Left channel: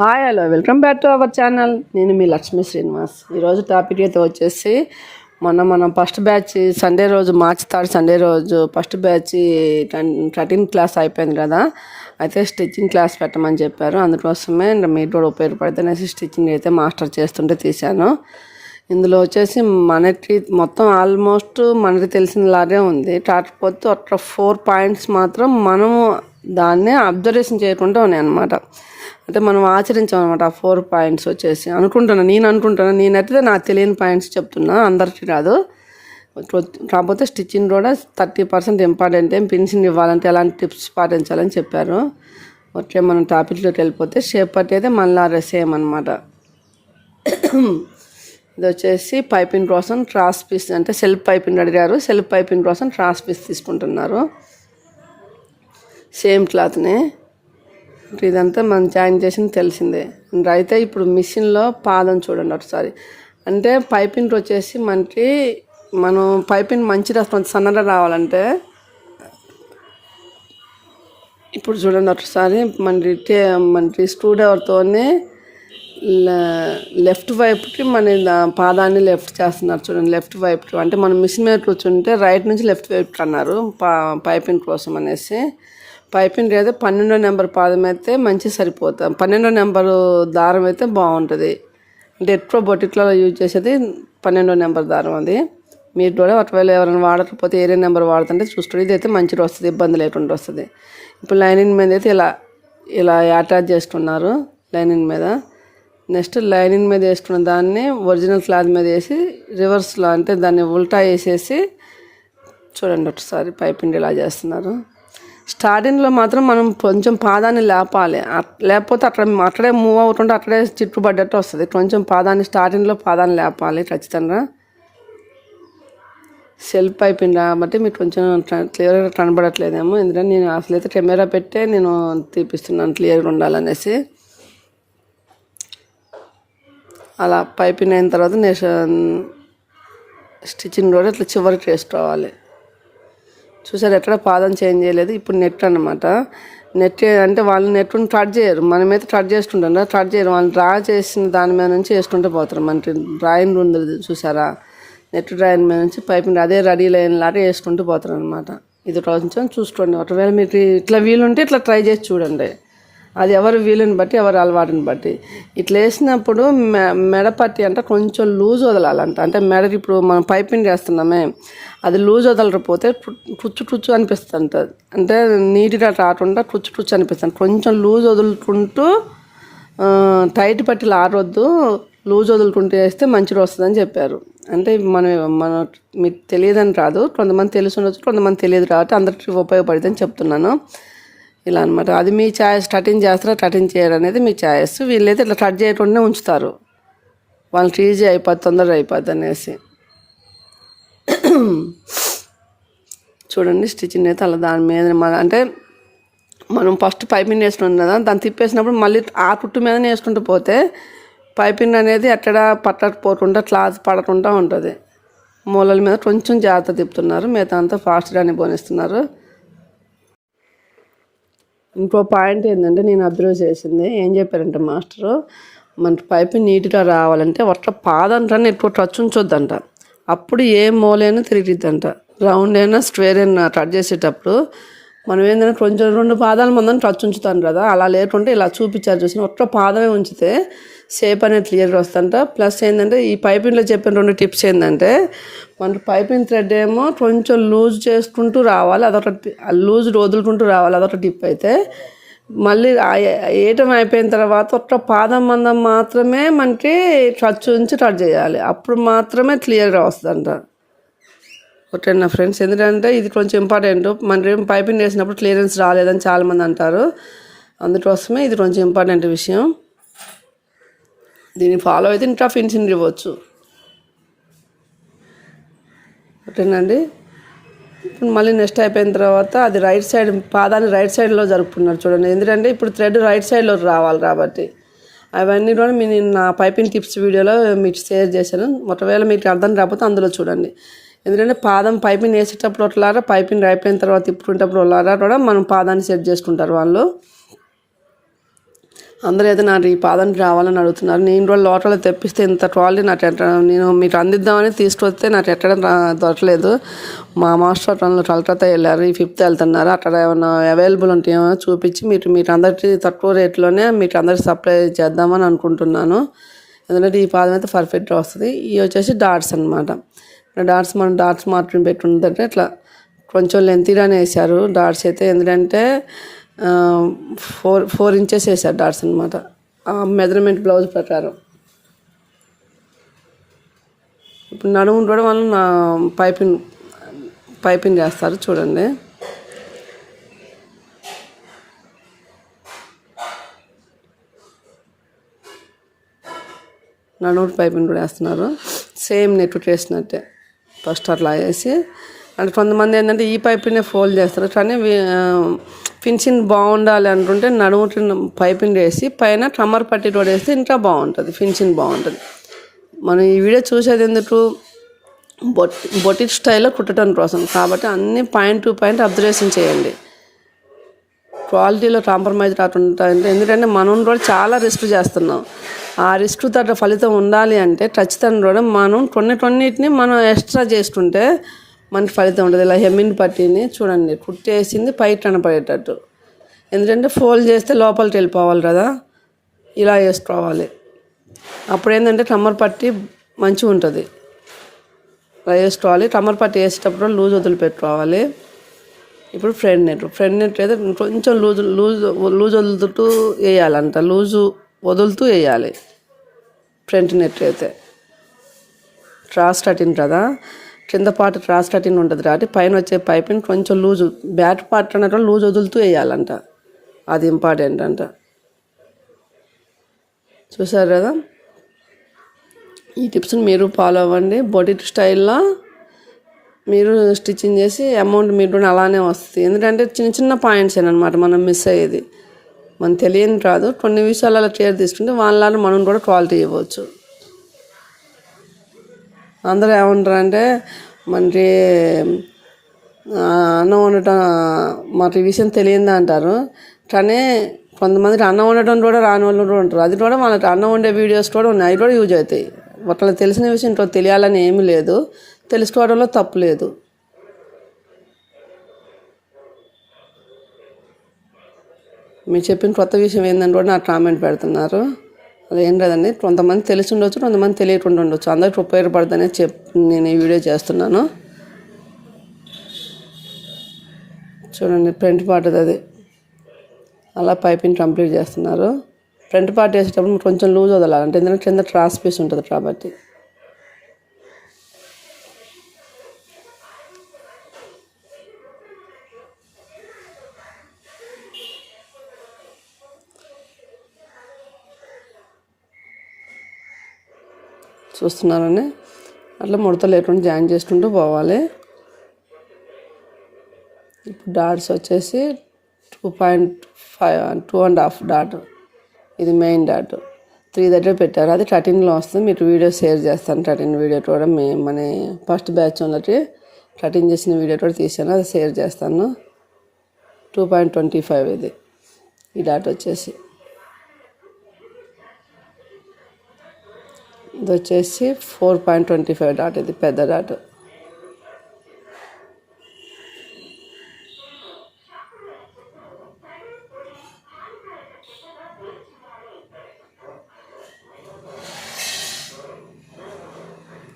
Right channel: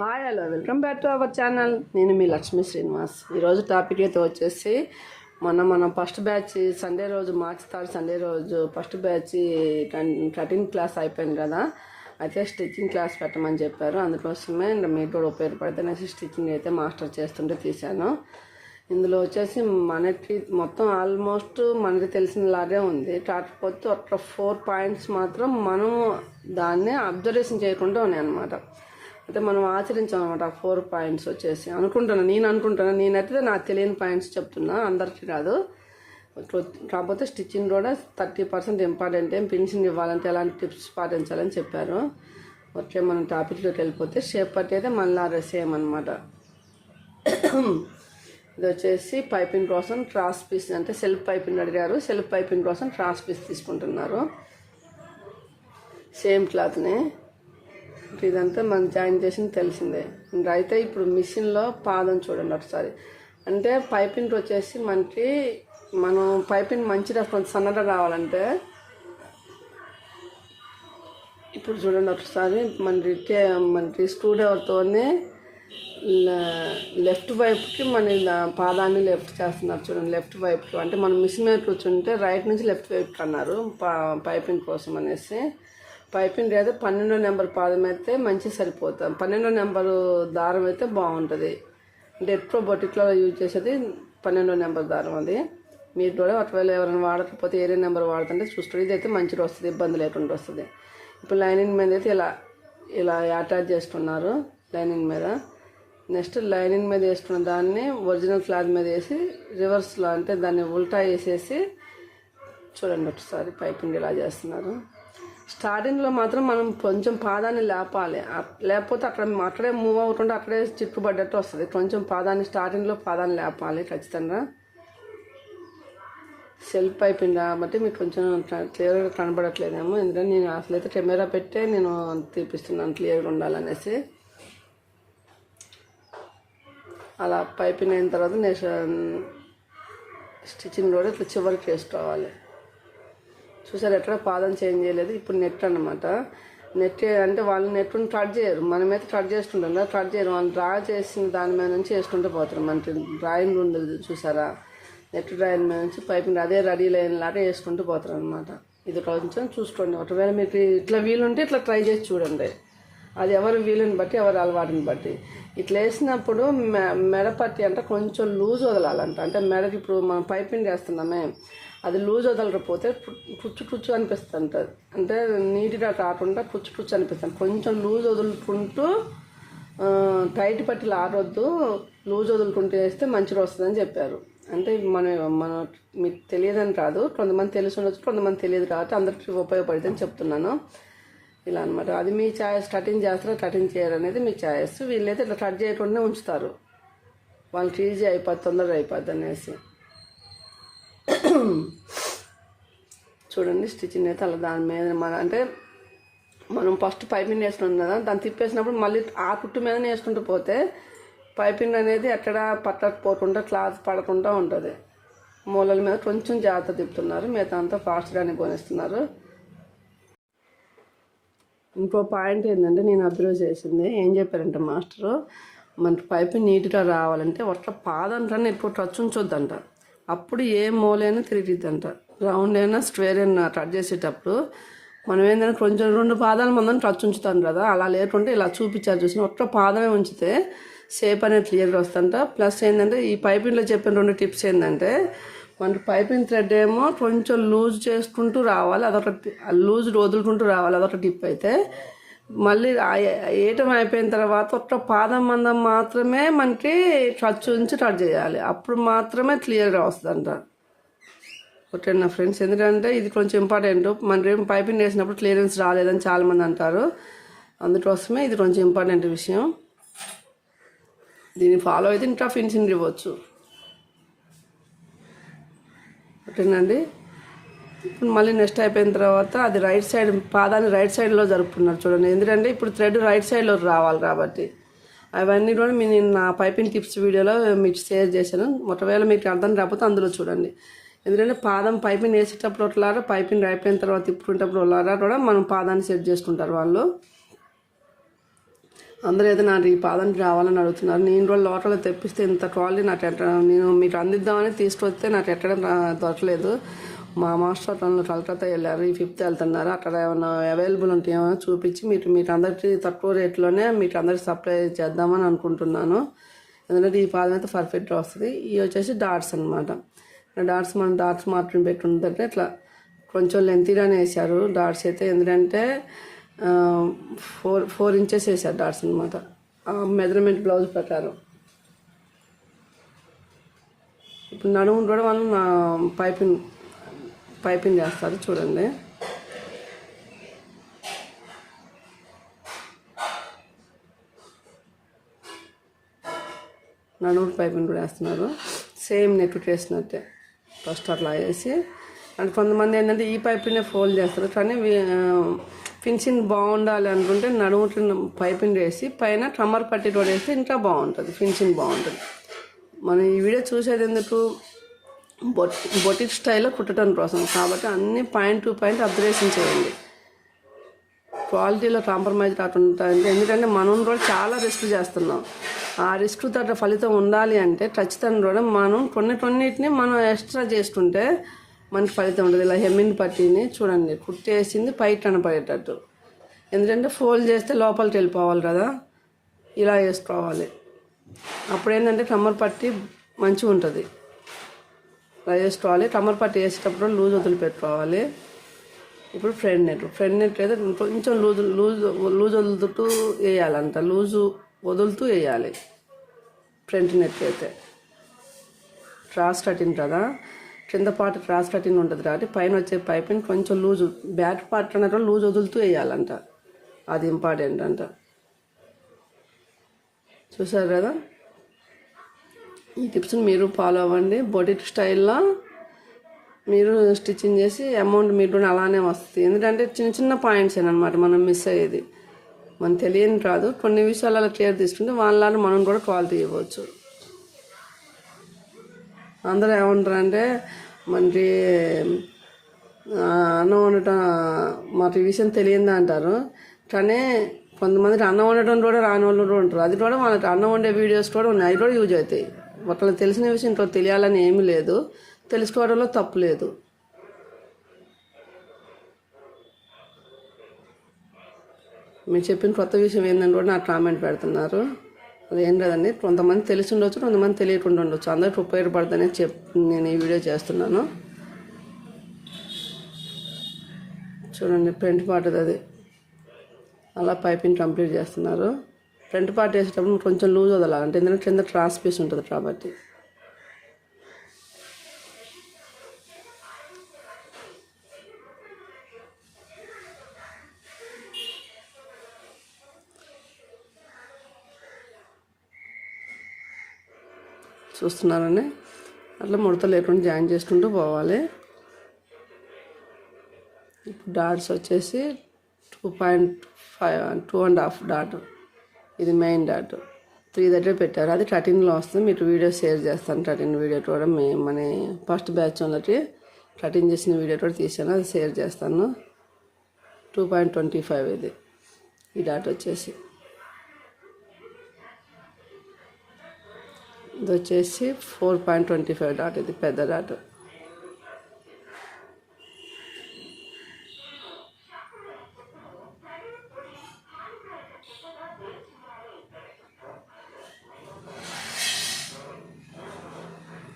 Hi hello welcome back to our channel నేను మీ లక్ష్మీ శ్రీనివాస్. ఈరోజు టాపిక్ అయితే వచ్చేసి మొన్న మనం ఫస్ట్ బ్యాచ్ సండే రోజు మార్చి థర్డ్ సండే రోజు ఫస్ట్ బ్యాచ్ థర్టీన్ క్లాస్ అయిపోయింది కదా. అయితే స్టిచ్చింగ్ క్లాస్ పెట్టమని చెప్పారు. అందుకోసమే మీకు కూడా ఉపయోగపడితే అనేసి స్టిచ్చింగ్ అయితే మాస్టర్ చేస్తుంటే తీశాను. ఇందులో వచ్చేసి మనకి మొత్తం ఆల్మోస్ట్ మనకి తెలిసినలాగే ఉంది. కాకపోతే ఒక ఫోర్ పాయింట్స్ మాత్రం మనము దాన్ని అబ్జర్వేషన్ చేయకుండా ఉన్నాయి అన్నమాట. అంటే మనం ఆచరించాం అనమాట ఆ ఫోర్ పాయింట్స్ వచ్చేసి. అనుకుంటున్నా నేను అనుకుంటున్నా నేనైతే నాకు తెలియని పాయింట్స్ చెప్తున్నా అందరికీ కాదు. కాకపోతే స్టిచ్చింగ్ కూడా థర్టీ పర్సెంట్ ఇంపార్టెంట్ ఏం ఫినిషింగ్ ఇవ్వాలంటే ఎలాంటి టిప్స్ పాటించాలని చెప్పారు. ఓకే మనం టాపిక్లోకి వెళ్ళిపోతే షేప్ పట్టి అయితే మళ్ళీ సేమ్ అనమాట ఇది వచ్చేసి పైపింగ్ కోసం ట్రాస్ పీస్ అంటే సెల్ఫ్ పైపింగ్ అడిగారు. సెల్ఫ్ పైపింగ్ కోసం ట్రాస్ పీస్ తీసుకుంటున్నారు. సేమ్ క్లాత్ని ఇదంతా మనం జాయిన్ చేసింది తెలిసిందే. అయితే ఇప్పుడు మిషన్లో పాదం చూడండి ఒకసారి. అంటే పైపింగ్ వచ్చేసి మనకి మనం పైపింగ్ మంచిగా సన్నగా రావాలంటే ఇప్పుడు చూడండి ఒకసారి మనకి మనకి స్క్రూ డ్రైవర్తోనే లెఫ్ట్ వైపుకి మన పాదాన్ని లెఫ్ట్ చేస్తున్నారు చూడండి లెఫ్ట్ వైపుకి. అంటే మనం మిషన్ మీద కూర్చుంటే రైట్ నుంచి లెఫ్ట్ వైపుకి అన్నారు పా పైపింగ్ కోసం అనేసి. పైపింగ్ అయితే పన్నెండో నెంబర్ పాదం అయితే మంచి సరిపోతుంది పన్నెండో నెంబరు దారం అయితే బాగుంటుంది. అంటే ఎక్కువ యూజ్ చేసేది పన్నెండో నెంబర్ దారం అది. మీరు కూడా ఒకవేళ ఎవరైనా వాడకపోతే ఏరే నెంబర్ వాడుతుంటే చూస్తుంది ఇది అయితే మంచిగా వస్తుంది ఇబ్బంది లేకుండా వస్తుంది. ఇప్పుడు లైనింగ్ మీద అయితే ఇలా ఇలా అటాచ్ చేసుకున్నారు లైనింగ్ మీద. నెక్స్ట్ లైనింగ్ మీద వేసుకున్న దాన్ని ఒరిజినల్ క్లాత్ మీద వేసి రివర్స్లో అంటే దాన్ని ఉల్టా వేసేసి చూడండి ఒకసారి పైపిండి ఇలా చేస్తున్నారు. స్టార్టింగ్లో మాత్రం మనం కొంచెం పాదాన్ని లేపాలి. లేకపోతే అక్కడ అక్కడే మూవ్ అవుతుంటే అక్కడే చిట్టుపడ్డట్టు వస్తుంది. కొంచెం పాదాన్ని స్టార్టింగ్లో పాదాన్ని లేపాలి ఖచ్చితంగా. సెల్ఫ్ అయిపోయింది కాబట్టి మీకు కొంచెం క్లియర్గా కనబడట్లేదేమో. ఎందుకంటే నేను అసలు అయితే కెమెరా పెట్టే నేను తీపిస్తున్నాను క్లియర్గా ఉండాలనేసి. అలా పైపింగ్ అయిన తర్వాత నేను స్టిచ్చింగ్ కూడా ఇట్లా చివరికి వేసుకోవాలి. చూసారు ఎక్కడ పాదం చేంజ్ చేయలేదు. ఇప్పుడు నెట్ అనమాట నెట్ అంటే వాళ్ళు నెట్ కట్ చేయరు. మనమైతే కట్ చేసుకుంటాం కట్ చేయరు. వాళ్ళు డ్రా చేసిన దాని మీద నుంచి వేసుకుంటూ పోతారు. మనకి డ్రాయింగ్ ఉంది చూసారా? నెట్ డ్రాయింగ్ మీద నుంచి పైపింగ్ అదే రెడీ లైన్ లాగా వేసుకుంటూ పోతారు అనమాట ఇది కొంచెం చూసుకోండి. ఒకవేళ మీకు ఇట్లా వీలుంటే ఇట్లా ట్రై చేసి చూడండి. అది ఎవరు వీలుని బట్టి ఎవరు అలవాటుని బట్టి. ఇట్లా వేసినప్పుడు మె మెడపట్టి అంటే కొంచెం లూజ్ వదలాలంట. అంటే మెడ ఇప్పుడు మనం పైపింగ్ చేస్తున్నామే అది లూజ్ వదలకపోతే టుచ్చు టుచ్చు అనిపిస్తుంది అంటే నీట్గా కాకుండా టుచ్చు టుచ్చు అనిపిస్తుంది. కొంచెం లూజ్ వదులుకుంటూ టైట్ పట్టిలు ఆరొద్దు లూజ్ వదులుకుంటూ వేస్తే మంచిగా వస్తుందని చెప్పారు. అంటే మనం మన మీకు తెలియదని కాదు కొంతమంది తెలిసి ఉండొచ్చు కొంతమంది తెలియదు కాబట్టి అందరికీ ఉపయోగపడుతుందని చెప్తున్నాను. ఇలా అనమాట అది మీ ఛాయస్ కటింగ్ చేస్తారా? కటింగ్ చేయరు అనేది మీ ఛాయస్. వీళ్ళైతే ఇట్లా కట్ చేయకుండా ఉంచుతారు. వాళ్ళకి ఈజీ అయిపోద్ది తొందరగా అయిపోద్ది అనేసి. చూడండి స్టిచ్చింగ్ అయితే అలా దాని మీద మన అంటే మనం ఫస్ట్ పైపింగ్ వేసుకున్నాం కదా దాన్ని తిప్పేసినప్పుడు మళ్ళీ ఆ కుట్టు మీద వేసుకుంటూ పోతే పైపింగ్ అనేది ఎక్కడ పట్టకపోకుండా క్లాత్ పడకుండా ఉంటుంది. మూలల మీద కొంచెం జాగ్రత్త తిప్పుతున్నారు. మిగతా అంతా ఫాస్ట్గానే పోనిస్తున్నారు. ఇంకో పాయింట్ ఏంటంటే నేను అబ్జర్వ్ చేసింది ఏం చెప్పారంటే మాస్టరు మన పైపు నీట్గా రావాలంటే ఒక్క పాదంటాన్ని ఎక్కువ టచ్ ఉంచొద్దంట అప్పుడు ఏ మూలైనా తిరిగిద్దంట. రౌండ్ అయినా స్క్వేర్ అయినా కట్ చేసేటప్పుడు మనం ఏంటంటే కొంచెం రెండు పాదాల ముందని టచ్ ఉంచుతాను కదా అలా లేకుంటే ఇలా చూపించారు చూసిన ఒక్క పాదమే ఉంచితే షేప్ అనేది క్లియర్గా వస్తుంట ప్లస్ ఏంటంటే ఈ పైపింగ్లో చెప్పిన రెండు టిప్స్ ఏంటంటే మన పైపింగ్ థ్రెడ్ ఏమో కొంచెం లూజ్ చేసుకుంటూ రావాలి అదొక లూజ్ వదులుకుంటూ రావాలి అదొక టిప్ అయితే. మళ్ళీ ఏటం అయిపోయిన తర్వాత ఒక్క పాదం మందం మాత్రమే మనకి టచ్ ఉంచి టచ్ చేయాలి అప్పుడు మాత్రమే క్లియర్గా వస్తుందంట. ఓకే నా ఫ్రెండ్స్. ఎందుకంటే ఇది కొంచెం ఇంపార్టెంట్ మన పైపింగ్ వేసినప్పుడు క్లియరెన్స్ రాలేదని చాలామంది అంటారు. అందుకోసమే ఇది కొంచెం ఇంపార్టెంట్ విషయం. దీన్ని ఫాలో అయితే ఇంకా ఫినిషింగ్ ఇవ్వచ్చు. ఓకేనండి ఇప్పుడు మళ్ళీ నెక్స్ట్ అయిపోయిన తర్వాత అది రైట్ సైడ్ పాదాన్ని రైట్ సైడ్లో జరుపుకున్నారు చూడండి. ఎందుకంటే ఇప్పుడు థ్రెడ్ రైట్ సైడ్లో రావాలి కాబట్టి. అవన్నీ కూడా నేను నా పైపింగ్ టిప్స్ వీడియోలో మీకు షేర్ చేశాను. ఒకవేళ మీకు అర్థం రాకపోతే అందులో చూడండి. ఎందుకంటే పాదం పైపింగ్ వేసేటప్పుడు ఒకలారా పైపింగ్ అయిపోయిన తర్వాత తిప్పుకునేటప్పుడు ఒకలారా కూడా మనం పాదాన్ని సెట్ చేసుకుంటారు వాళ్ళు. అందరూ అయితే నాకు ఈ పాదానికి రావాలని అడుగుతున్నారు. నేను కూడా లోటలో తెప్పిస్తే ఇంత ట్రాలీ నాకు ఎట్ట నేను మీకు అందిద్దామని తీసుకొస్తే నాకు ఎట్టడం దొరకలేదు. మా మాస్టర్ అట్లా కలకత్తా వెళ్ళారు. ఈ ఫిఫ్త్ వెళ్తున్నారు. అక్కడ ఏమైనా అవైలబుల్ ఉంటే ఏమైనా చూపించి మీరు మీకు అందరికీ తక్కువ రేట్లోనే మీకు అందరికి సప్లై చేద్దామని అనుకుంటున్నాను. ఎందుకంటే ఈ పాదం అయితే పర్ఫెక్ట్గా వస్తుంది. ఇవి వచ్చేసి డాట్స్ అనమాట డాట్స్ మనం డాట్స్ మాత్రం పెట్టుందంటే ఇట్లా కొంచెం లెంతీగానే వేశారు. డాట్స్ అయితే ఎందుకంటే ఫోర్ ఫోర్ ఇంచెస్ వేశారు డాట్స్ అనమాట మెజర్మెంట్ బ్లౌజ్ ప్రకారం. ఇప్పుడు నడుము కూడా వాళ్ళు నా పైపింగ్ పైపింగ్ చేస్తారు చూడండి. నడుము పైపింగ్ కూడా వేస్తున్నారు. సేమ్ నెట్ వేసినట్టే ఫస్ట్ అట్లా వేసి అంటే కొంతమంది ఏంటంటే ఈ పైపునే ఫోల్డ్ చేస్తారు. కానీ ఫినిషింగ్ బాగుండాలి అనుకుంటే నడుము పైపింగ్ వేసి పైన ట్రమ్మర్ పట్టి కూడా వేస్తే ఇంకా బాగుంటుంది ఫినిషింగ్ బాగుంటుంది. మనం ఈ వీడియో చూసేది ఎందుకు? బొట్ బొటిక్ స్టైల్లో కుట్టడం కోసం. కాబట్టి అన్ని పాయింట్ టు పాయింట్ అబ్జర్వేషన్ చేయండి. క్వాలిటీలో కాంప్రమైజ్ కాకుండా ఎందుకంటే మనం కూడా చాలా రిస్క్ చేస్తున్నాం. ఆ రిస్క్ తగ్గ ఫలితం ఉండాలి అంటే ఖచ్చితంగా కూడా మనం కొన్ని కొన్నిటిని మనం ఎక్స్ట్రా చేసుకుంటే మనకి ఫలితం ఉంటుంది. ఇలా హెమ్మిన్ పట్టిని చూడండి కుట్టేసింది పై కనపడేటట్టు. ఎందుకంటే ఫోల్డ్ చేస్తే లోపలికి వెళ్ళిపోవాలి కదా ఇలా వేసుకోవాలి అప్పుడు ఏంటంటే కమ్మర్ పట్టి మంచిగా ఉంటుంది. ఇలా వేసుకోవాలి కమ్మర్ పట్టి వేసేటప్పుడు లూజ్ వదిలిపెట్టుకోవాలి. ఇప్పుడు ఫ్రంట్ నెట్ ఫ్రంట్ నెట్ అయితే కొంచెం లూజ్ లూజ్ లూజ్ వదులుతూ వేయాలంట. లూజు వదులుతూ వేయాలి. ఫ్రంట్ నెట్ అయితే. ట్రాస్ కటింగ్ కదా కింద పార్ట్ ట్రాస్ కటింగ్ ఉంటుంది కాబట్టి పైన వచ్చే పైపుని కొంచెం లూజు బ్యాట్ పార్ట్ అన్నట్టు లూజ్ వదులుతూ వేయాలంట. అది ఇంపార్టెంట్ అంట. చూసారు కదా? ఈ టిప్స్ని మీరు ఫాలో అవ్వండి. బొటిట్ స్టైల్లో మీరు స్టిచ్చింగ్ చేసి అమౌంట్ మీరు కూడా అలానే వస్తుంది. ఎందుకంటే చిన్న చిన్న పాయింట్స్ అనమాట మనం మిస్ అయ్యేది. మనం తెలియని కాదు కొన్ని విషయాలు అలా కేర్ తీసుకుంటే వాళ్ళని మనం కూడా క్వాలిటీ ఇవ్వచ్చు. అందరూ ఏమంటారంటే మనకి అన్నం వండటం మాకు ఈ విషయం తెలియదు అంటారు. కానీ కొంతమందికి అన్నం వండటం కూడా రాని వాళ్ళు కూడా ఉంటారు. అది కూడా మనకి అన్నం వండే వీడియోస్ కూడా ఉన్నాయి. అవి కూడా యూజ్ అవుతాయి. వాళ్ళకి తెలిసిన విషయం ఇంట్లో తెలియాలని ఏమీ లేదు. తెలుసుకోవడంలో తప్పు లేదు. మీరు చెప్పిన కొత్త విషయం ఏందని కూడా నాకు కామెంట్ పెడుతున్నారు. అది ఏం లేదండి. కొంతమంది తెలిసి ఉండొచ్చు కొంతమంది తెలియకుండా ఉండొచ్చు. అందరికి ఉపయోగపడుతుందని చెప్ నేను ఈ వీడియో చేస్తున్నాను. చూడండి ఫ్రంట్ పార్ట్ అది. అలా పైపింగ్ కంప్లీట్ చేస్తున్నారు. ఫ్రంట్ పార్ట్ వేసేటప్పుడు కొంచెం లూజ్ వదలాలి. అంటే ఎందుకంటే కింద ట్రాన్స్పీస్ ఉంటుంది కాబట్టి. చూస్తున్నారని. అట్లా ముడత లేకుండా జాయిన్ చేసుకుంటూ పోవాలి. ఇప్పుడు డాట్స్ వచ్చేసి two point five two and half dot. ఇది మెయిన్ డాట్. త్రీ దగ్గర పెట్టారు. అది కటింగ్లో వస్తుంది. మీకు వీడియో షేర్ చేస్తాను. కటింగ్ వీడియో కూడా మీ మన ఫస్ట్ బ్యాచ్ ఉన్నట్టు కటింగ్ చేసిన వీడియో కూడా తీసాను అది షేర్ చేస్తాను. టూ పాయింట్ ట్వంటీ ఫైవ్ ఇది. ఈ డాట్ వచ్చేసి. ఇది వచ్చేసి four point twenty five dot. ఇది పెద్ద డాట్.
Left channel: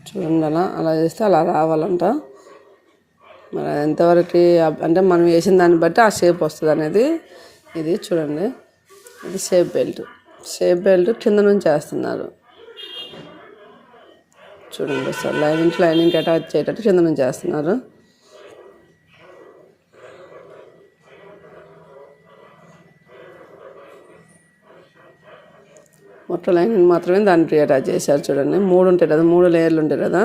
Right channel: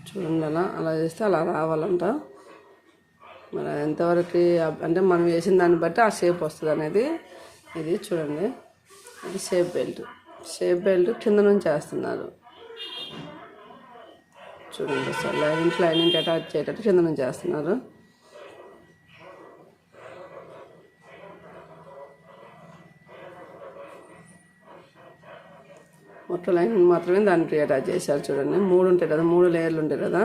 చూడండి అలా అలా చేస్తే అలా రావాలంట. మరి ఎంతవరకు అంటే మనం వేసిన దాన్ని బట్టి ఆ షేప్ వస్తుంది అనేది ఇది చూడండి. ఇది షేప్ బెల్ట్. షేప్ బెల్ట్ కింద నుంచి వేస్తున్నారు. చూడండి సార్. లైనింగ్ లైనింగ్ అటాచ్ చేయటట్టు కింద నుంచి చేస్తున్నారు. మొట్ట లైనింగ్ మాత్రమే దానికి అటాచ్ చేశారు చూడండి. మూడు ఉంటాయి కదా మూడు లేయర్లు ఉంటాయి కదా.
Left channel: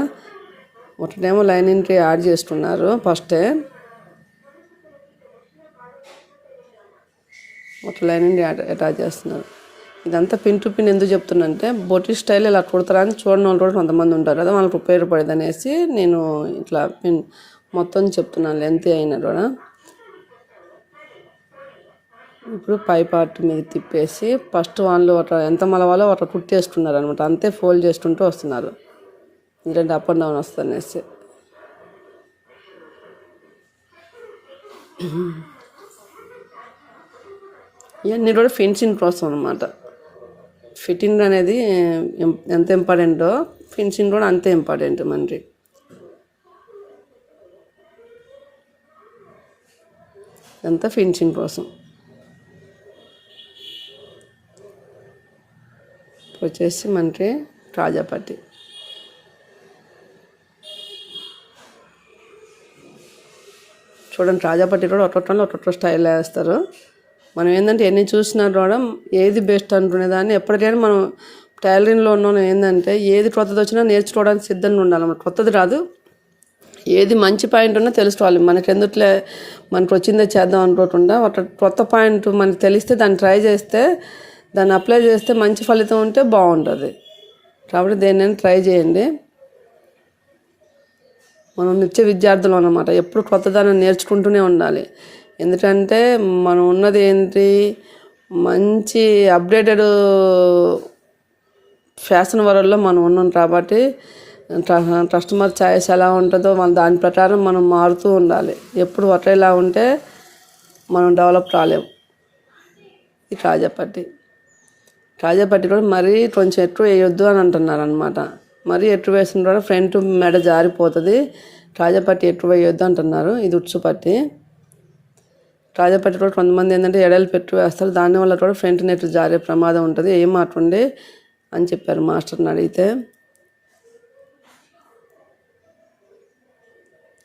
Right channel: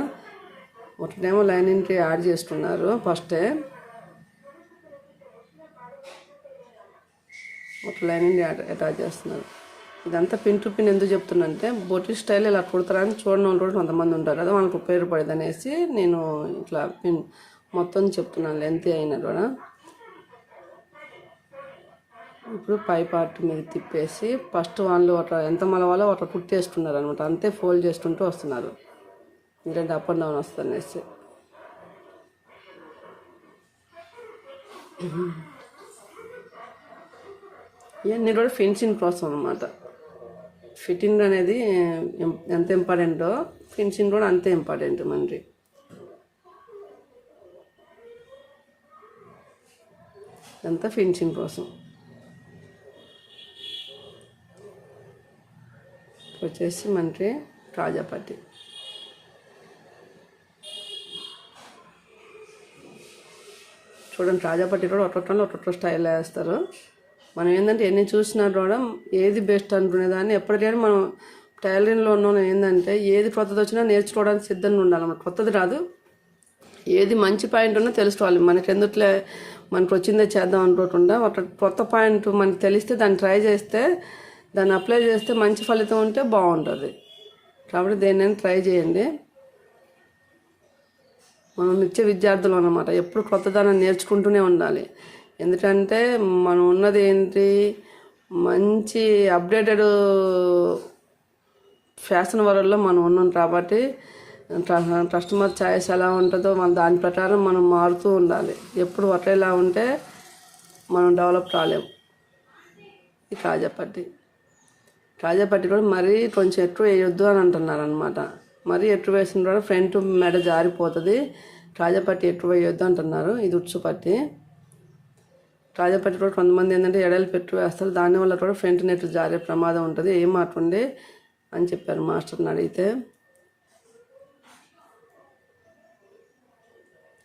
ఒకటేమో లైనింగ్కి యాడ్ చేసుకున్నారు ఫస్టే. ఒక లైనింగ్ అటాచ్ చేస్తున్నారు. ఇదంతా పిన్ టు పిన్ ఎందుకు చెప్తున్నానంటే బొటి స్టైల్ ఇలా కుడతారా అని చూడని వాళ్ళు కూడా కొంతమంది ఉంటారు కదా వాళ్ళకి ఉపయోగపడేది అనేసి నేను ఇట్లా పిన్ మొత్తం చెప్తున్నాను లెంత్ అయినా కూడా. ఇప్పుడు పై పార్ట్ మీద తిప్పేసి ఫస్ట్ వాళ్ళు ఒక ఎంత మలవాలో అట్లా కుట్టేస్తున్నారు అనమాట అంతే ఫోల్డ్ చేసుకుంటూ వస్తున్నారు. ఎందుకంటే అప్ అండ్ డౌన్ వస్తుందనేసి ఇవన్నీ కూడా ఫెన్సింగ్ ప్రాసెస్ అనమాట ఫిట్టింగ్ అనేది ఎంత ఇంపార్టెంటో ఫినిషింగ్ కూడా అంతే ఇంపార్టెంట్ మనకి అంతా ఫినిషింగ్ కోసం. వచ్చేసి మనకి రాజాపట్టి చూడండి రాజాపట్టి కూడా ఒక్కొక్కళ్ళు ఒక్కొక్క స్టైల్ వేస్తారు. మనం ఏంటంటే ఎన్ని చూసినా కూడా ఏది బెస్ట్ అనుకునే దాన్ని ఎప్పటికైనా మనం టైలరింగ్లో ఉన్న ఏంటంటే ఏది కొత్తది వచ్చినా నేర్చుకోవడానికి సిద్ధంగా ఉండాలి మనకు కొత్తది రాదు. ఏది మంచి పాయింట్ ఉన్నా తెలుసుకోవాలి. మనకి ఎందుట్లే మనకు వచ్చిందే చేద్దాం అనుకోకుండా ఒక కొత్త పాయింట్ మనకి తెలిస్తే దాన్ని ట్రై చేస్తే దాన్ని అప్లై చేస్తే మంచి ఫలితం ఉంటే బాగుంటుంది. కాబట్టి దేన్నైనా ట్రై చేయండి. మనం నిత్య విద్యార్థులు అన్నమాట. ఎప్పుడు కొత్తదాన్ని నేర్చుకుంటూనే ఉండాలి. ఎందుకంటే మనం ఉన్నది ఏంటి? మంచి అప్డేటెడ్ ఫ్యాషన్ వరల్డ్లో మనం ఉన్నాం కాబట్టి కస్టమర్ ఛాయిస్ ఎలా ఉంటుందో మన దాని ప్రకారం మనం మారుతూ ఉండాలి. ఎప్పుడు ఒకేలా ఉంటే మనం డెవలప్ కాలేము ఈ కాజాపట్టి కాజాపట్టి కూడా మరీ కొంచెం ఎక్కువ వేయొద్దు అని అంటున్నారు అనమాట మరీ ఎక్కువ వేసిన కూడా ఫ్రంట్ మెడ జారిపోతుంది. కాజాపట్టి ఎక్కువ వేయొద్దు అంటున్నారు. ఇది ఉచ్చుపట్టి పట్టి కూడా కొంతమంది ఏంటంటే ఎడలు పెట్టి వేస్తారు. దానివల్ల కూడా ఫ్రంట్ నెట్ జారే ప్రమాదం ఉంటుంది. ఏం మాట్లాడి అని చెప్పారు మాస్టర్ని అడిగితే.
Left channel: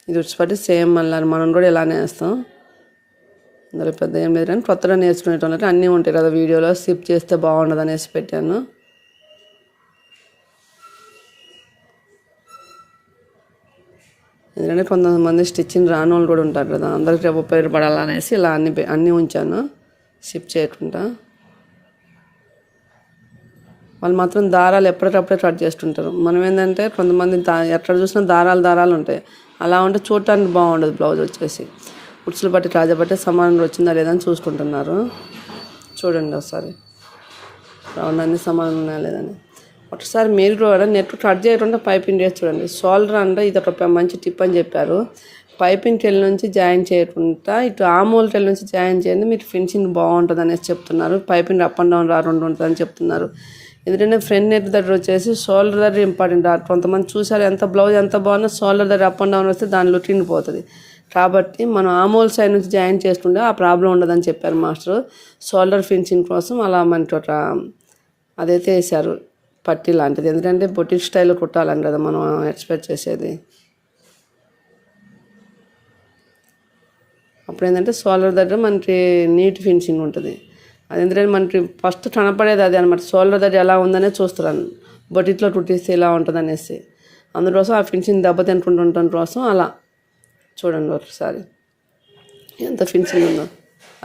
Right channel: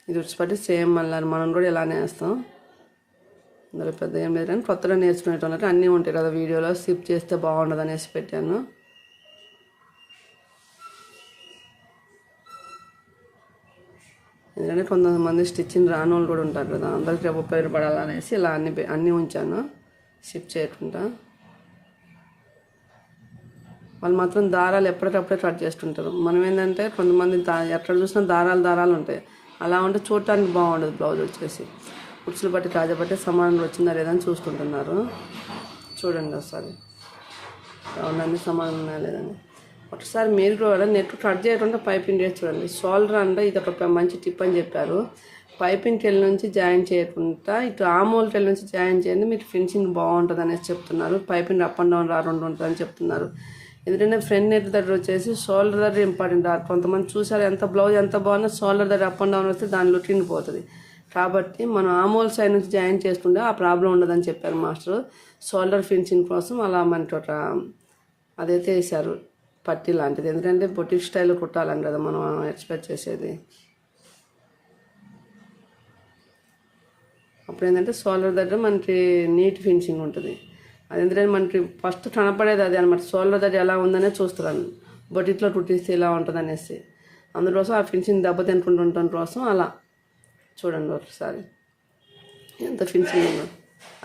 ఇది ఉచ్చిపట్టి సేమ్ మళ్ళీ మనం కూడా ఇలానే వేస్తాం. అందులో పెద్ద ఏం లేదు కానీ కొత్తగా నేర్చుకునేటోళ్ళకి అన్నీ ఉంటాయి కదా వీడియోలో. స్కిప్ చేస్తే బాగుండదు అనేసి పెట్టాను. ఎందుకంటే కొంతమంది స్టిచ్చింగ్ రాని వాళ్ళు కూడా ఉంటారు కదా అందరికీ ఉపయోగపడాలనేసి ఇలా అన్ని అన్నీ ఉంచాను షిప్ చేయకుండా. వాళ్ళు మాత్రం దారాలు ఎప్పటికప్పుడే కట్ చేస్తుంటారు. మనం ఏంటంటే కొంతమంది దా ఎక్కడ చూసినా దారాలు దారాలు ఉంటాయి. అలా ఉంటే చూడటానికి బాగుండదు బ్లౌజ్ వచ్చేసి. ఉడ్సులు బట్టి కాజా బట్టి సమానంగా వచ్చిందా లేదా అని చూసుకుంటున్నారు. చూడండి ఒకసారి. రౌండ్ సమానంగా లేదని ఒకసారి మీరు కూడా నెట్ కట్ చేయకుండా పైపింగ్ చేసి చూడండి. షోల్డర్ అంటే ఇది ఒక మంచి టిప్ అని చెప్పారు. పైపింగ్ టెల్ నుంచి జాయిన్ చేయకుండా ఇటు ఆమోల్ టెల్ నుంచి జాయిన్ చేయండి. మీకు ఫినిషింగ్ బాగుంటుంది అనేసి చెప్తున్నారు. పైపింగ్ అప్ అండ్ డౌన్ రాకుండా రెండు ఉంటుందని చెప్తున్నారు. ఎందుకంటే ఫ్రంట్ నెట్ దగ్గర వచ్చేసి షోల్డర్ దగ్గర ఇంపార్టెంట్ కొంతమంది చూసారు ఎంత బ్లౌజ్ ఎంత బాగున్నా షోల్డర్ దగ్గర అప్ అండ్ డౌన్ వస్తే దాని లుకింగ్ పోతుంది కాబట్టి మనం ఆమోల్ సైడ్ నుంచి జాయిన్ చేసుకుంటే ఆ ప్రాబ్లం ఉండదని చెప్పారు మాస్టర్. షోల్డర్ ఫినిషింగ్ కోసం అలా మనకి ఒక అదైతే వేశారు. పట్టి లాంటిది. ఎందుకంటే బొటిక్ స్టైల్లో కుట్టాలని కదా మనం ఎక్స్పెక్ట్ చేసేది. అప్పుడు ఏంటంటే సోలర్ దగ్గర మనకి నీట్ ఫినిషింగ్ ఉంటుంది. అది ఎందుకంటే మనకి ఫస్ట్ కనపడేది అదే అనమాట సోలర్ దగ్గర ఎలా ఉందనే చూస్తున్నాను బొటిక్లో కుట్టిస్తే ఇలా ఉంటుంది అనేసి. అందుకోసం ఆ ఫినిషింగ్ దెబ్బతింటుండటం కోసం అలా. చూడండి ఒకసారి. ఎంత ఫినిషింగ్ ఉందో.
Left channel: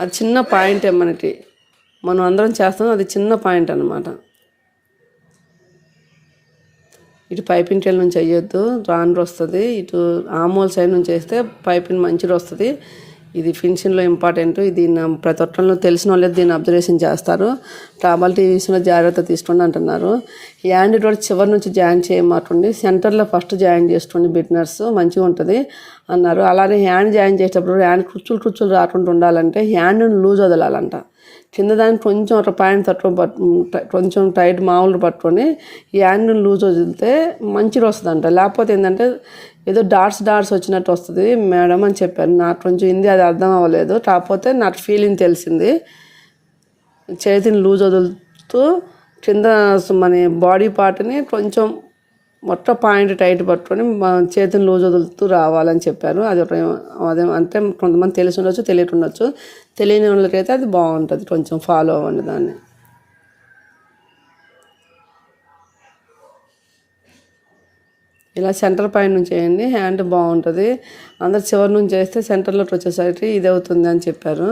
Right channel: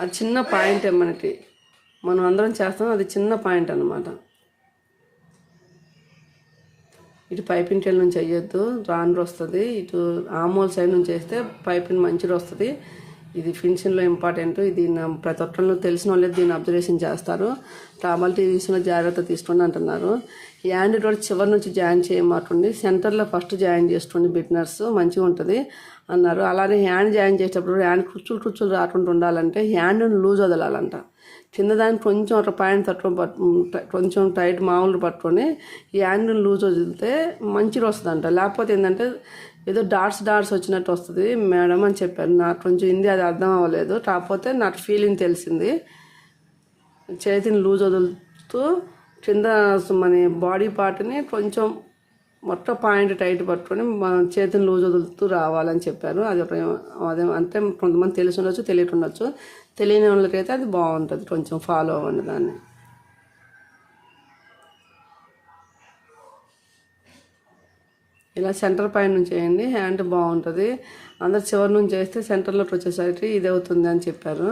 అది చిన్న పాయింటే మనకి. మనం అందరం చేస్తాం అది చిన్న పాయింట్ అనమాట ఇటు పైపింగ్ టెల్ నుంచి వేయొద్దు రాండ్ర వస్తుంది ఇటు ఆమోల్ సైడ్ నుంచి వేస్తే పైపింగ్ మంచిగా వస్తుంది ఇది ఫినిషింగ్లో ఇంపార్టెంట్. ఇది ప్రతి ఒక్కళ్ళు తెలిసిన వాళ్ళే దీన్ని అబ్జర్వేషన్ చేస్తారు. ట్రాబల్ టీవీస్లో జాగ్రత్త తీసుకోండి అంటున్నారు. హ్యాండ్ కూడా చివరి నుంచి జాయిన్ చేయమాకండి. సెంటర్లో ఫస్ట్ జాయిన్ చేసుకోండి బిట్నర్స్. మంచిగా ఉంటుంది అన్నారు. అలానే హ్యాండ్ జాయిన్ చేసేటప్పుడు హ్యాండ్ కుచ్చులు కుచ్చులు రాకుండా ఉండాలంటే హ్యాండ్ని లూజ్ వదలాలంట. కింద కొంచెం అట్లా పాయింట్ తక్కువ పట్టు కొంచెం టైట్ మామూలు పట్టుకొని ఈ యాంగిల్ లూజ్ వదిలితే మంచిగా వస్తుందంట. లేకపోతే ఏంటంటే ఏదో డాట్స్ డాట్స్ వచ్చినట్టు వస్తుంది. మేడం అని చెప్పారు. నాకు కొంచెం హిందీ అది అర్థం అవ్వలేదు. కాకపోతే నాకు ఫీలింగ్ తెలిసింది. చేతిని లూజ్ వదులుతూ కింద మన బాడీ పార్ట్ని కొంచెం మొత్తం పాయింట్ టైట్ పట్టుకొని చేతిని లూజ్ వదులుతూ రావాలని చెప్పారు. అది ఒక అదే అంటే కొంతమంది తెలిసి ఉండొచ్చు తెలియకుండొచ్చు. తెలియని వాళ్ళకైతే అది బాగుంటుంది. కొంచెం ఫాలో అవ్వండి దాన్ని. ఇలా సెంటర్ పైన నుంచి వేయండి హ్యాండ్ బాగుంటుంది. అందరు చివరి నుంచి వేస్తే సెంటర్లోకి వచ్చేసరికి ఇది అవుతుంది అని చెప్పారు.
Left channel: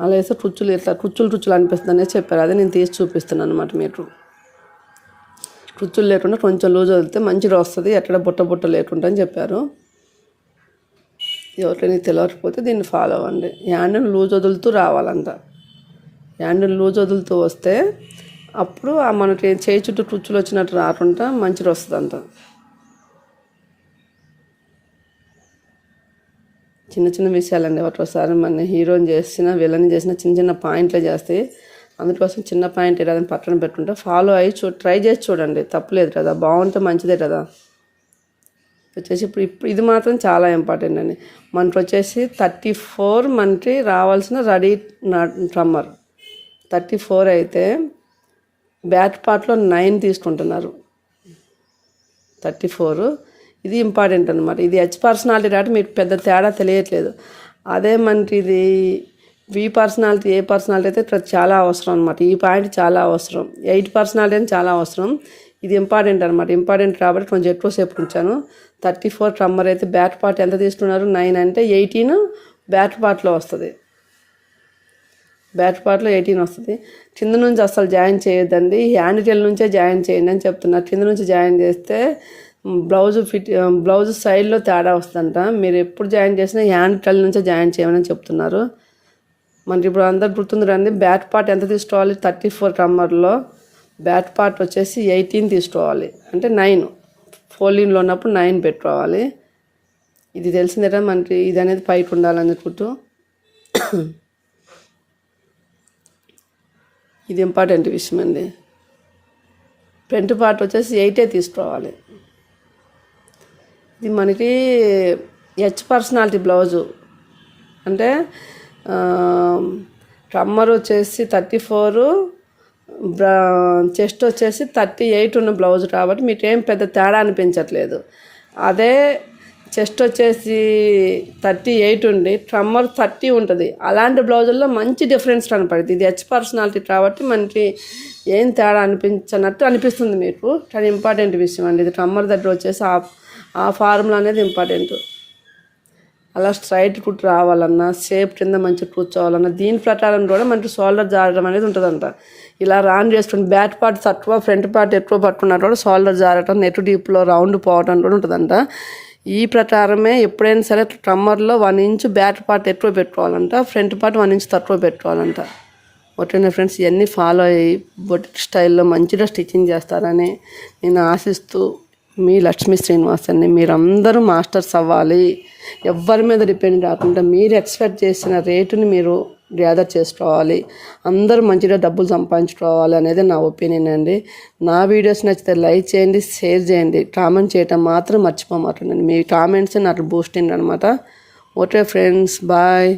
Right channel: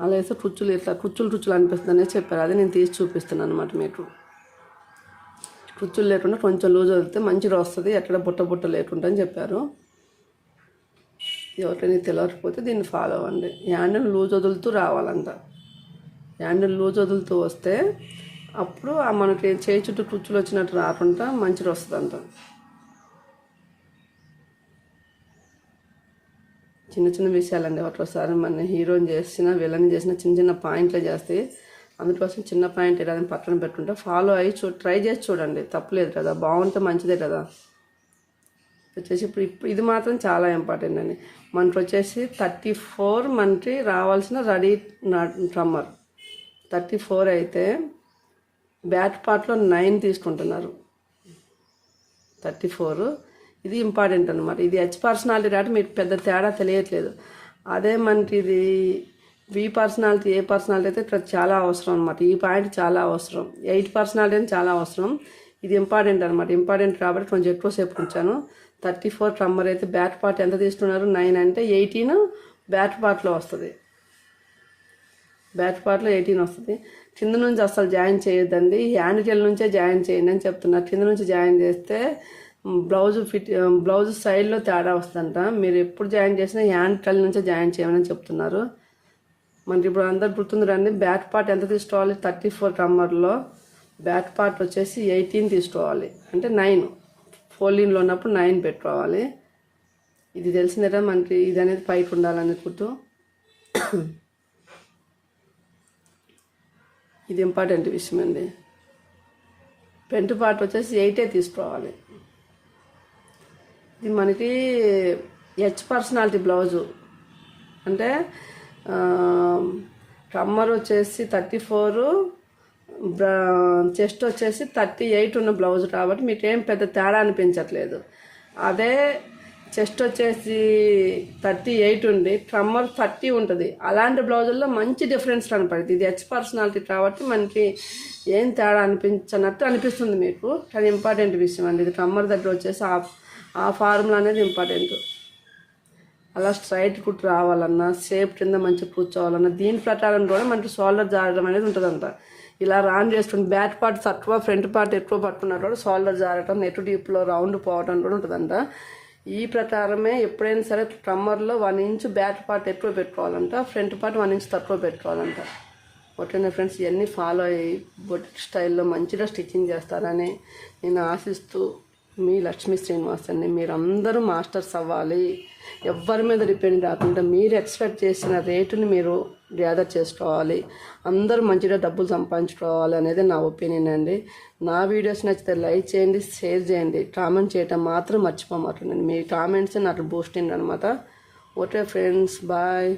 అలా వేస్తే కుచ్చులు ఇట్లా కుచ్చులు కుచ్చులు అనిపిస్తుంది చెప్పారు. అదే నేను తీసి చూపిస్తున్నాను అనమాట మీకు. కుచ్చులు లేకుండా కొంచెం లూజ్ వదిలితే మంచిగా వస్తుంది. ఎక్కడ బుట్ట బుట్ట లేకుండా అని చెప్పారు. ఎవరికైనా తెలియకపోతే దీన్ని ఫాలో అవ్వండి. హ్యాండిల్ లూజ్ వదులుతూ రావాలంట. హ్యాండిల్ లూజ్ వదులుతూ వస్తే అప్పుడు ఆ మనకి చేయి చుట్టూ టుచ్చులు వచ్చినట్టు రాకుండా మంచిగా వస్తుందంట. చిన్న చిన్న విషయాలండి. ఒకసారి మన హీరోని చేసిన విలన్ చేసిన చిన్న చిన్న పాయింట్లే చేస్తే అందుకోసం చిన్న పాయింట్ ఏదైనా పక్కన పెట్టుకుంటే ఫాలో అయ్యి చూ ట్రై చేసి చూడండి. తప్పులేదు కదా. బాగుంటే మంచిదే కదా. వచ్చేసి ఇప్పుడు ఇప్పుడు ఇది మాత్రం చాలా ఇంపార్టెంట్ అండి. మనకి వచ్చేసి థర్టీ ఫోర్ మనకి రావాల్సిన రెడీ ట్రమ్మర్ థర్టీ ఫోర్ అయితే బ్యాట్ పార్ట్లో నైన్ తీసుకుంటున్నారు. థర్టీ ఫోర్ ఇది ఇంపార్టెంట్ అనమాట ఇది హెచ్ పర్సనాలిటీ కాబట్టి మీకు పెద్ద తేడా తెలియట్లేదు. అదే మనకి ఇది వి పర్సనాలిటీ ఏ పర్సనాలిటీ అయితే ఇక్కడ చాలా అవసరం అనమాట ఈ పాయింట్ చాలా అవసరం. ఎయిట్ పర్సనాలిటీ అని చాలా అవసరం. ఇది ఇంపార్టెంట్ అనమాట ఇంపార్టెంట్ కాబట్టి కొంచెం ఎక్కువసేపు ఉంచాను. థర్టీ ఫోర్ ట్రమ్మర్ అయితే బ్యాట్ పార్ట్ ఎంత తీసుకున్నారు? నైన్ అంటే ఎయిటీన్ బ్యాట్ పార్ట్లో వస్తుంది. బ్యాట్ పార్ట్లో ఎయిటీన్ వస్తుంది. కింద నుంచి అసలు జాయిన్ చేయొద్దండి. హ్యాండ్ టెల్ నుంచే జాయిన్ చేయండి అని చెప్తున్నారు. కింద నుంచి జాయిన్ చేస్తే బ్లౌజ్ ఫిట్ బ్లౌజ్ సైడ్లో తేడా వస్తుందంట. మీరు ఎప్పుడు జాయిన్ చేసినా హ్యాండ్ టెల్ నుంచే జాయిన్ చేయమని చెప్తున్నారు. మనకి ఇప్పుడు అందరు గుర్తుంది రండి బ్యాట్ పార్ట్ ఎంత తీసుకోవాలి? థర్టీ ఫోర్ కమ్మర్లో బ్యాట్ పార్ట్ వచ్చేసి ఎయిటీన్ తీసుకోవాలి. అంటే నైన్. ఫోల్డింగ్లో ఉన్నప్పుడు నైన్ పెట్టుకోవాలి ఇది తెలిసిందట మనకి ఇది అనేది పైప్ ఉండాలని అనుకుంటూ. ఇది ఇంపార్టెంట్ విషయం అండి. ఫ్రంట్ పార్ట్ వచ్చేసి ఎయిటే తీసుకోవాలి ఇది మనకి హెచ్ పర్సనాలిటీ బ్లౌజు. అంటే కమ్మర్ వచ్చేసి థర్టీ ఫోరు చెస్ట్ వచ్చేసి థర్టీ ఎయిట్ ఉన్న బ్లౌజ్ కాబట్టి మీకు ఏం పెద్ద తేడా అనిపించట్లేదు. అదే చెస్ట్ వచ్చేసి థర్టీ ఎయిట్ ఉండి ట్రమ్మర్ థర్టీ ఉంటుంది. అలాంటి బ్లౌజుల్లో మంచి డిఫరెన్స్ కనపడుతుంది. ఇది హెచ్ పర్సనాలిటీ కాబట్టి మనకి ఏం తేడా అనిపించనట్టు అనిపిస్తుంది మీకు. కానీ ఇంపార్టెంట్ విషయం అండి ఇది ట్రమ్మర్ దగ్గర వచ్చేసి ఆ ఆ ఫార్ములా అనేది ఇంపార్టెంట్. అలా స్ట్రైట్ కుట్ రావాలన్నా షేప్ కింద మంచిగా కూర్చోవాలన్నా దీని ప్రకారం కూడా మనకి షోల్డర్ జారడం అనేది ఉంటుందంట. ఇలా రాన్ చేసుకుని బ్యాక్ పార్ట్ తక్కువ ఫ్రంట్ పార్ట్ ఎక్కువ పట్టుకున్నా కూడా షోల్డర్ జారటం నెట్ డీప్లో రౌండ్ పోవటం కూడా ఉంటుందంట. ఈ ప్రకారమే ఎప్పుడైనా సరే ట్రమ్మర్లో వన్ ఇంచ్ బ్యాక్ పార్ట్ ఎక్కువ పెట్టుకోవాలంట ఫ్రంట్ పార్ట్ వన్ ఇంచ్ తక్కువ పెట్టుకోవాలంట. ఓకేనా ఫ్రెండ్స్ ఇవన్నీ ఫాలో అయ్యి బొటిక్ స్టైల్లో మంచిగా స్టిచ్చింగ్ చేస్తారని నేను ఆశిస్తూ మీ లక్ష్మీ శ్రీనివాస్ మీరందరూ మాస్టర్స్ అవ్వాలి. ఎవరి మీద డిపెండ్ కాకుండా మీరు ఎక్స్పెక్ట్ చేసిన రేటుని మీరు గ్యాదర్ చేసుకోవాలి. అందరూ మంచిగా డబ్బులు సంపాదించుకోవాలి అనేది నా ఒపీనియన్ అండి. నా వీడియోస్ నచ్చితే లైక్ చేయండి షేర్ చేయండి. కామెంట్ చేయటం మాత్రం మర్చిపోమాకండి. మీ కామెంట్స్ నాకు బూస్టింగ్ అనమాట ఓకే ఫ్రెండ్స్ బాయ్.